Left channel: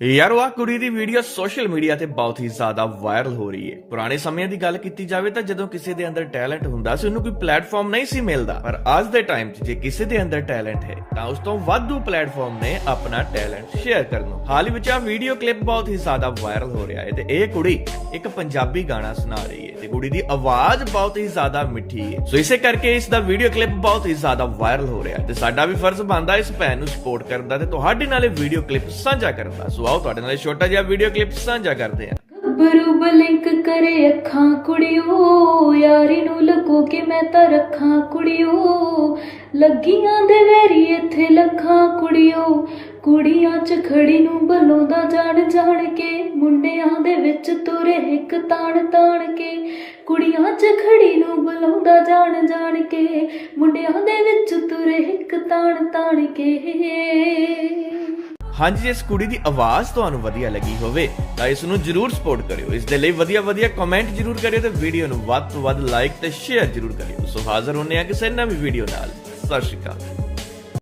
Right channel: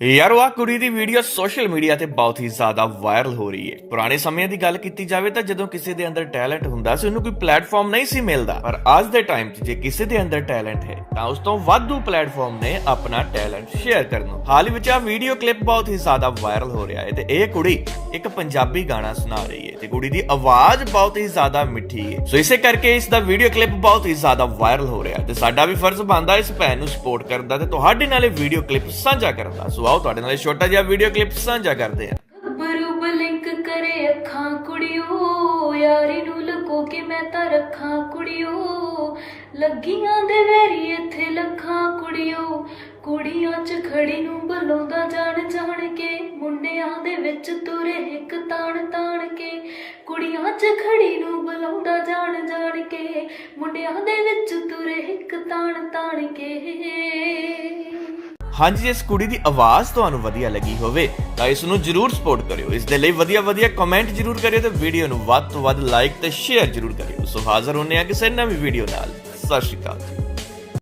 ਯਾਰ, ਉਹ ਕੁੜੀ ਦੀ ਵੀਡੀਓ ਸੋਸ਼ਲ ਮੀਡੀਆ ਤੇ ਬਹੁਤ ਹੀ ਜ਼ਿਆਦਾ ਵਾਇਰਲ ਹੋ ਰਹੀ ਹੈ। ਪੁਰਾਣੇ ਸਮਿਆਂ ਦੀ ਗੱਲ ਕੀਤੀ ਜਾਵੇ ਤਾਂ ਜਦੋਂ ਕਿਸੇ ਦੇ ਅੰਦਰ ਟੈਲੈਂਟ ਹੁੰਦਾ ਸੀ, ਉਹਨੂੰ ਕੋਈ ਪਲੇਟਫਾਰਮ ਨਹੀਂ ਸੀ ਮਿਲਦਾ। ਪਰ ਅੱਜ ਦੇ ਟਾਈਮ 'ਚ ਜੇ ਕਿਸੇ ਦੇ ਅੰਦਰ ਟੈਲੈਂਟ ਹੈ, ਤਾਂ ਉਸ ਤੋਂ ਵਾਧੂ ਪਲੇਟਫਾਰਮ ਨੇ ਆਪਣਾ ਟੈਲੈਂਟ ਸ਼ੇਅਰ ਕਰਨ ਹਾਲ ਹੀ ਵਿੱਚ ਆ ਵੀਡੀਓ ਕਲਿੱਪ ਬਹੁਤ ਹੀ ਜ਼ਿਆਦਾ ਵਾਇਰਲ ਹੋ ਰਿਹਾ ਹੈ ਤੇ ਇਹ ਕੁੜੀ ਇੱਕ ਪੰਜਾਬੀ ਗਾਣਾ ਸੁਣਾ ਰਹੀ ਹੈ ਤੇ ਕੁੜੀ ਦੀ ਆਵਾਜ਼ ਬਹੁਤ ਹੀ ਜ਼ਿਆਦਾ ਮਿੱਠੀ ਹੈ। ਸੋ ਇਸੇ ਕਰਕੇ ਇਸ ਦਾ ਵੀਡੀਓ ਕਲਿੱਪ ਬਹੁਤ ਹੀ ਜ਼ਿਆਦਾ ਵਾਇਰਲ ਹੋ ਰਿਹਾ ਹੈ ਤੇ ਸਾਡਾ ਵੀ ਫਰਜ਼ ਬਣਦਾ ਇਸ ਭੈਣ ਨੂੰ ਸਪੋਰਟ ਕਰਨ ਦਾ ਤੇ ਤੁਹਾਡੇ ਨਾਲ ਇਹ ਵੀਡੀਓ ਕਲਿੱਪ ਸਾਂਝਾ ਕਰਨ ਦਾ। ਸੋ ਆਓ ਤੁਹਾਡੇ ਨਾਲ ਇਹ ਛੋਟਾ ਜਿਹਾ ਵੀਡੀਓ ਕਲਿੱਪ ਸਾਂਝਾ ਕਰਦੇ ਹਾਂ। ਬਰੂ ਬਲਿੰਕ ਕਰੇ ਅੱਖਾਂ ਕੁੜਿਓ, ਯਾਰੀ ਨੂੰ ਲੱਗੋ ਕਿ ਮੈਂ ਤਾਂ ਰੱਖਾਂ ਕੁੜਿਓ। ਲੱਗੀਆਂ ਦੇ ਵੇਰੀ ਇੱਥੇ ਲੱਖਾਂ ਕੁੜਿਓ, ਕੁੜੀਆਂ ਚ ਖੜੀ ਨੂੰ ਬਲੋਂਦਾ ਜਾਣ ਜਾਣ ਕੇ, ਮੁੰਡਿਆਂ ਦੇ ਵਿੱਚ ਤੁਰੇ ਇੱਕ ਤਾਣ ਤਾਣ ਕੇ। ਕੁੜੀਆਂ ਚ ਖੜੀ ਨੂੰ ਬਲੋਂਦਾ ਜਾਣ ਜਾਣ ਕੇ, ਮੁੰਡਿਆਂ ਦੇ ਵਿੱਚ ਤੁਰੇ ਇੱਕ ਤਾਣ ਤਾਣ ਕੇ। ਹਾਂਜੀ ਜੇ ਇਸ ਕੁੜੀ ਦੀ ਆਵਾਜ਼ ਤੁਹਾਨੂੰ ਵਧੀਆ ਲੱਗੀ ਹੋਵੇ, ਤਾਂ ਇਸ ਨੂੰ ਜਰੂਰ ਸਪੋਰਟ ਕਰਿਓ। ਇਸ ਦੇ ਲਈ ਵਧੀਆ ਵਧੀਆ ਕਮੈਂਟ ਜਰੂਰ ਕਰਿਓ ਤੇ ਵੀਡੀਓ ਨੂੰ ਵੱਧ ਤੋਂ ਵੱਧ ਲਾਈਕ ਤੇ ਸ਼ੇਅਰ ਜਰੂਰ ਕਰਿਓ। ਸੋ ਹਾਜ਼ਰ ਹੁੰਨੇ ਆ ਕਿਸੇ ਨਵੀਂ ਵੀਡੀਓ ਨਾਲ। ਸਤਿ ਸ਼੍ਰੀ ਅਕਾਲ।